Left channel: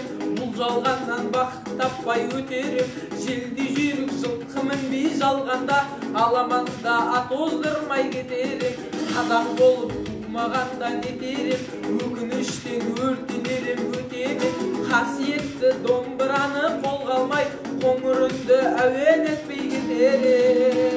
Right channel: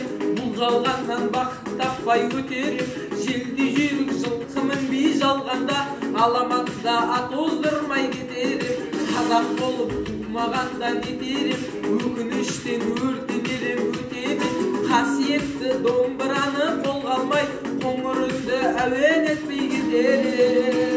кетерім, бұл жалғаннан бақыт таппай өтерім. Желді жүйрік жылқымын бей жалғанда, аламанда ат оздырмай кетерім. Қазақ болып тумағанда нетерім, өкініштен өртенерім өтемін. Қасиетті домбыраны қолға алмай, қоңырынды әуен етпей кетерім.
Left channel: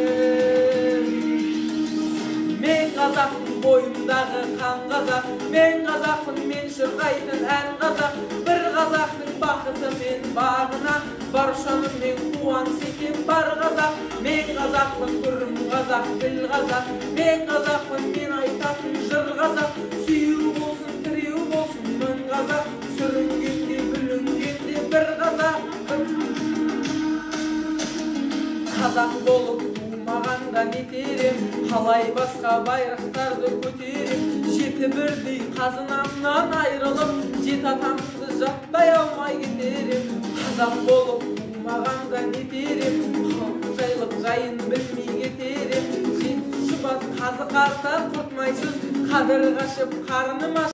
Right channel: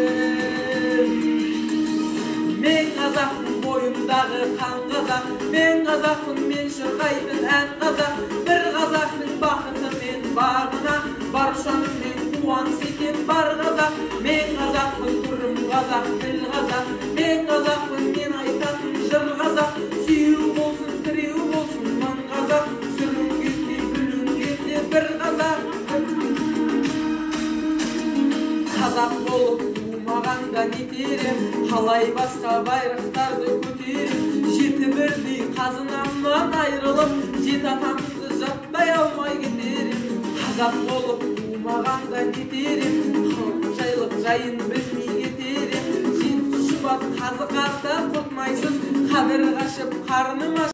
Мен қазақтың бойындағы қан қазақ, мен қазақпын, мен шырқайтын ән қазақ. Бір қазақтың бақыты мен бағына, баршанымен қуаныс етем бар қазақ. Мен қазақпын, түрім қазақ, тіл қазақ. Мен қазақпын, мен айтатын жыр қазақ. Сүйеу болсын, тіреу болсын мың қазақ, сүрінгенде бүлінгенде бір қазақ. Қазақ болып тумағанда нетерем, қалай басқа байрақтарды көтерем. Жеті бірдей қазынамнан айрылып, жеті атамды жаттай алмай кетерем. Қазақ болып тумағанда нетерем, жайлық жайын білмей кетерем. Жеті шұбат қазы қарта құртмайсыз, қадір қашып қарным